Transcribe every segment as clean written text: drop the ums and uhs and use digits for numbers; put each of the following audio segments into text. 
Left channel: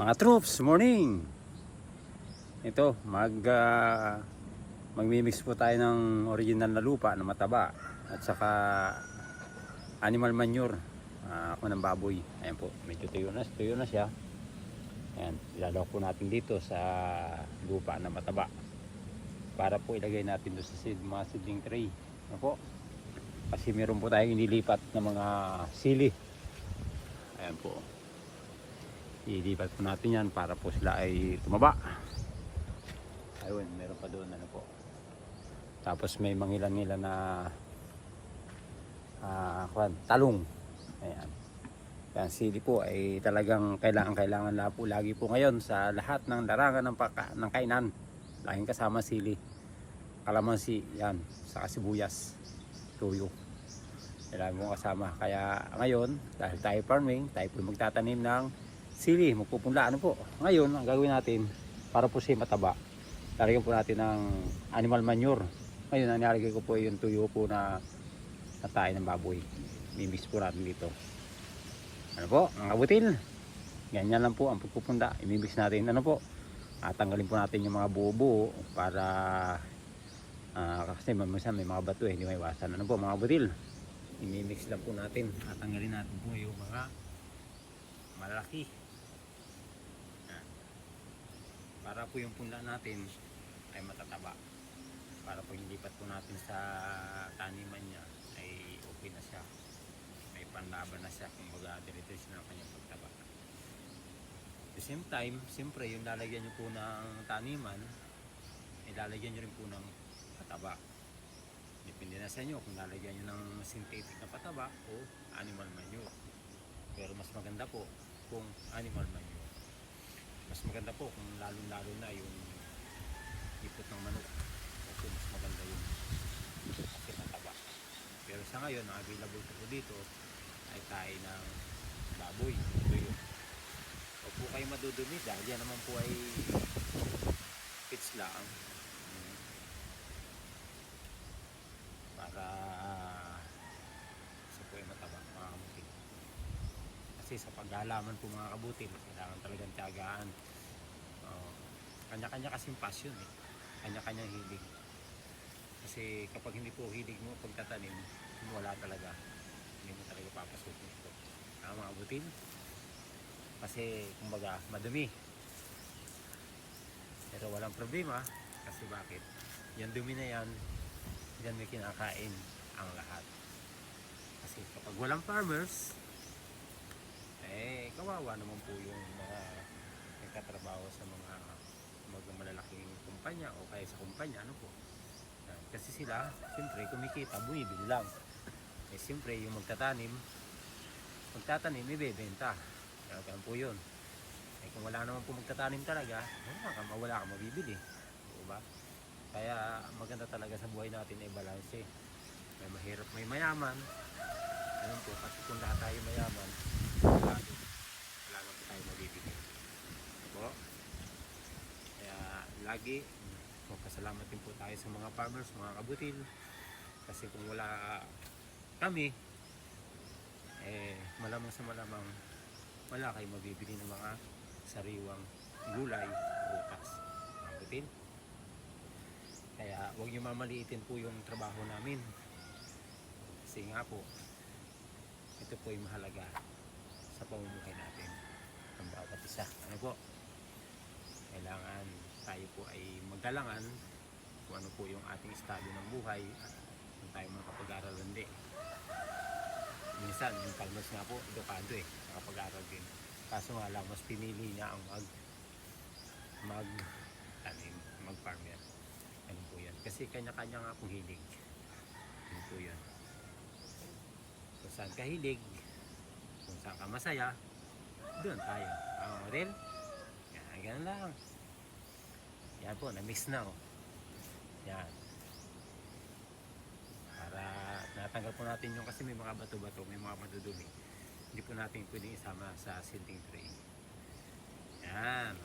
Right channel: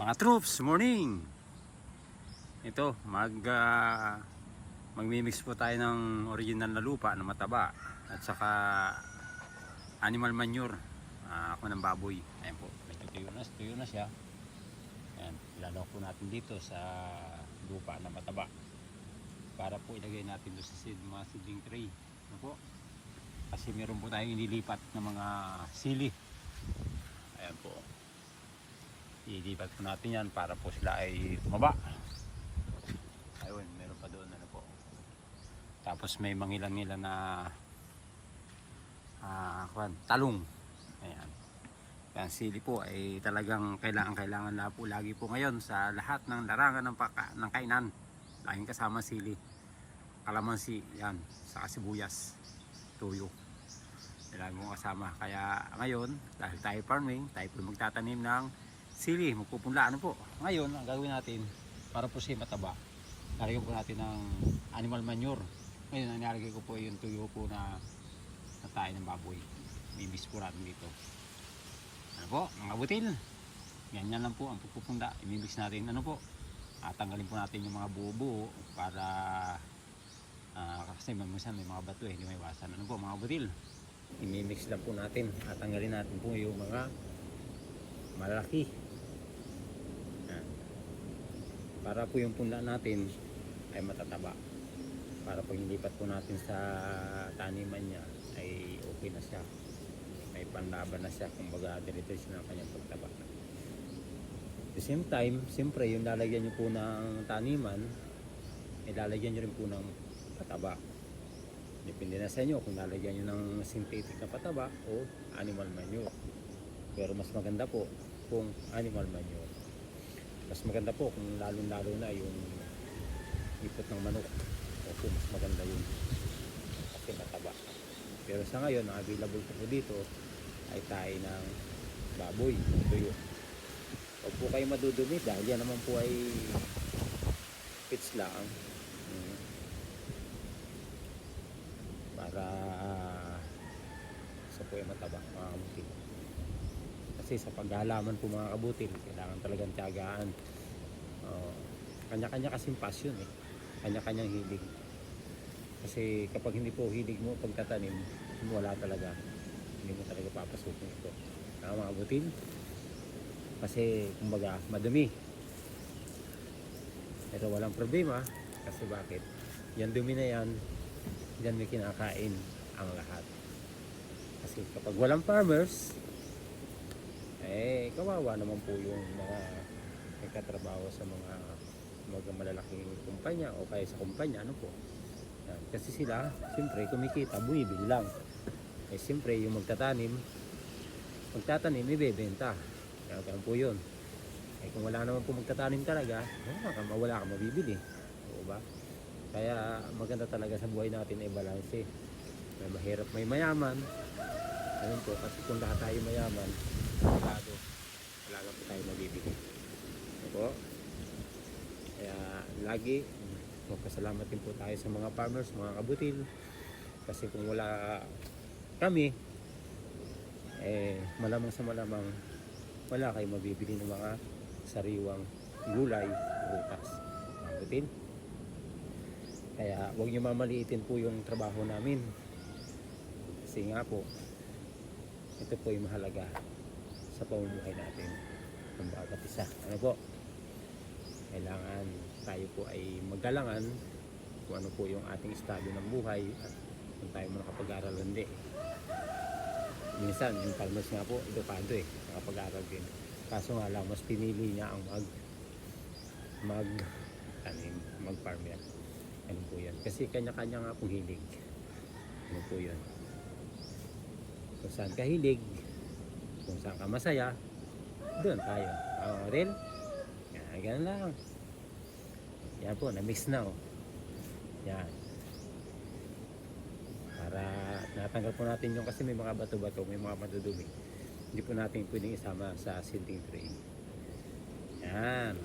Mga troops, morning. Ito, magmimix po tayo ng original na lupa na mataba at saka animal manure. Ako ng baboy. Ayan po, medyo tuyo na siya. Ayan, ilalawak po natin dito sa lupa na mataba para po ilagay natin doon sa mga seedling tray. Ayan po. Kasi meron po tayong inilipat na mga sili. Ayan po. Ilipat natin yan para po sila ay tumaba. Ayun, meron pa doon ano po. Tapos may mangilan-ngilan na talong. Ayan. Ang sili po ay talagang kailangan na po lagi po ngayon sa lahat ng larangan ng kainan. Laging kasama sili. Kalamansi, yan, sa sibuyas, tuyo. Kailangan mo kasama. Kaya ngayon, dahil tayo farming, tayo po magtatanim ng sili, magpupunla ano po. Ngayon, ang gagawin natin para po siya mataba, lalagyan po natin ng animal manure. Ngayon, ang nilalagay ko po yung tuyo po na tayo ng baboy. Mimix po natin dito. Ano po, ang abutin. Ganyan lang po ang pagpupunla. Imimix natin ano po. Tanggalin po natin yung mga buo-buo para kasi mamaya may mga bato hindi may iwasan. Ano po mga butil. Imimix lang po natin at tanggalin natin po yung mga malaki. Para po yung punla natin ay matataba. Para po yung lipat po natin sa taniman niya ay okay na siya. May panlaban na siya kung baga diretso siya ng kanyang pagtaba. At the same time, siyempre yung lalagyan nyo po ng taniman ay lalagyan nyo rin po ng pataba. Depende na sa inyo kung lalagyan nyo ng synthetic na pataba o animal manure. Pero mas maganda po kung animal manure. Mas maganda po kung lalong-lalo na yung ipot ng manok. Opo, mas maganda yun. Kasi mataba. Pero sa ngayon, ang available po dito ay tayo ng baboy, ng tuyo. Huwag po kayo madudumi dahil yan naman po ay pits lang. Para sa po ay mataba. Kasi sa paghalaman po mga kabutil, kailangan talagang tiyagaan. Kanya-kanya kasing passion eh. Kanya-kanyang hilig. Kasi kapag hindi po hilig mo pagtatanim, wala talaga. Hindi mo talaga papasukin ito. Mga kabutil. Kasi kumbaga madumi. Pero walang problema. Kasi bakit? Yan dumi na yan, yan may kinakain ang lahat. Kasi kapag walang farmers, kawawa naman po yung mga nagkatrabaho sa mga malalaking kumpanya o kaya sa kumpanya, ano po. Kasi sila, siyempre, kumikita, buwibili lang. Siyempre, yung magtatanim, ibebenta. Kaya po yun. Kung wala naman po magtatanim talaga, wala kang mabibili. O ba? Kaya maganda talaga sa buhay natin ay balanse. May mahirap, may mayaman. Ayun po, kasi kung lahat tayo mayaman, wala na po tayo mabibili. Opo. Kaya lagi magpasalamat din po tayo sa mga farmers, mga kabutil. Kasi kung wala kami, malamang sa malamang wala kayo mabibili ng mga sariwang gulay, prutas, kabutil. Kaya huwag nyo mamaliitin po yung trabaho namin. Kasi nga po, ito po yung mahalaga sa pamumuhay natin ng bawat isa. Ano po? Kailangan tayo po ay maggalangan kung ano po yung ating estado ng buhay at kung tayo mo nakapag-aral hindi. Minsan, yung farmers nga po, edukado nakapag-aral din. Kaso nga lang, mas pinili niya ang mag-farm yan. Ano po yan? Kasi kanya-kanya nga po hilig. Ano po yun? Kung saan ka hilig, kung saan ka masaya, doon tayo. Rin? Yan, ganun lang. Yan po, na-mix na Yan. Para natanggal po natin yung kasi may mga bato-bato, may mga madudumi. Hindi po natin pwedeng isama sa seedling tray. Yan.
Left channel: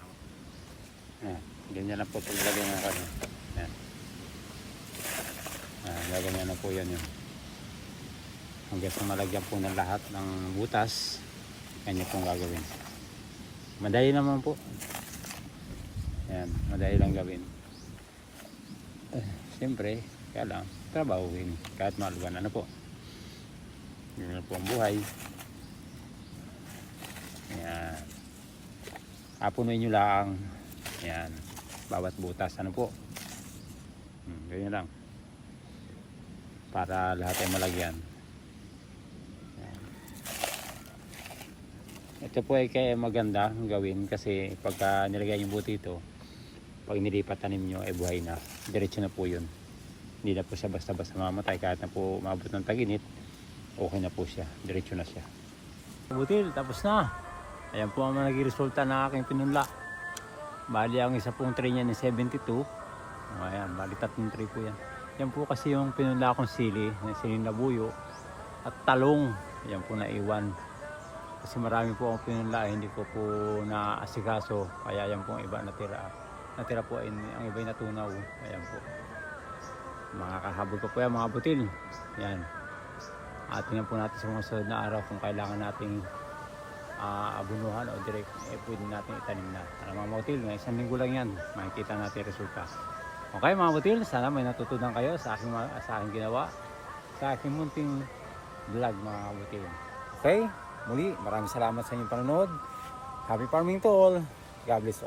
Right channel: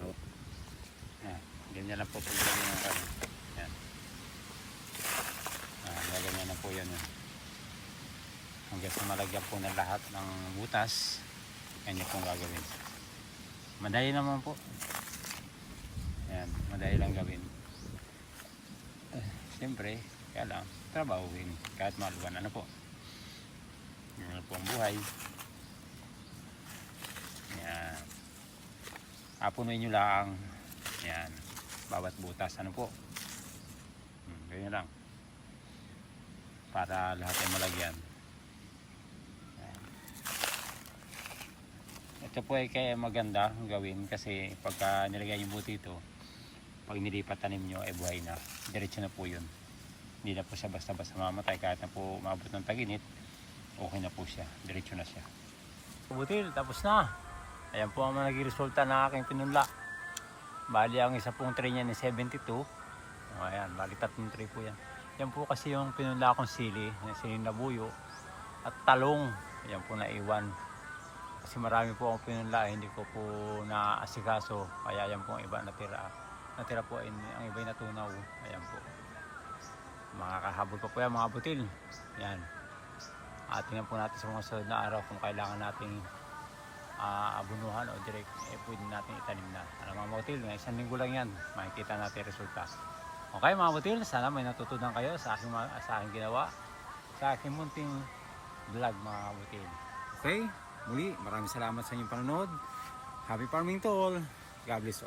Ganyan lang po ito. Lagyan na kami. Yan. Lagyan na po yan. Hanggang sa malagyan po ng lahat ng butas, kanya pong gagawin. Madali naman po. Yan, madali lang gawin. Siyempre, kaya lang, trabahuin. Kahit maluwan, ano po. Yun na po ang buhay. Yan. Apunin nyo lang. Yan. Bawat butas, ano po. Ganyan lang. Para lahat ay malagyan. Ito po ay kaya maganda gawin kasi pagka nilagay yung buti ito, pag nilipat tanim nyo ay buhay na. Diretso na po yun. Hindi na po siya basta-basta mamatay kahit na po maabot ng taginit. Okay na po siya. Diretso na siya. Butil, tapos na. Ayan po ang naging resulta ng aking pinimla. Bali ang isa pong tray niya ni 72. Ayan, bali tatlong tray po yan. Yan po kasi yung pinimla akong sili, yung siling na buyo at talong. Yan po naiwan. Kasi marami po ang pinimla, hindi po naasikaso. Kaya yan po ang iba natira. Natira po ay ang iba'y natunaw. Ayan po. Nakakasabi ko po yan mga butil. Yan. Tingnan po natin sa mga sunod na araw kung kailangan natin abunuhan o direct pwede natin itanim na. Mga butil, isang linggo lang yan. Makikita natin yung resulta. Okay mga butil, sana may natutunan kayo sa aking ginawa. Sa aking munting vlog mga butil. Okay, muli maraming salamat sa inyong panonood. Happy farming to all. God bless all.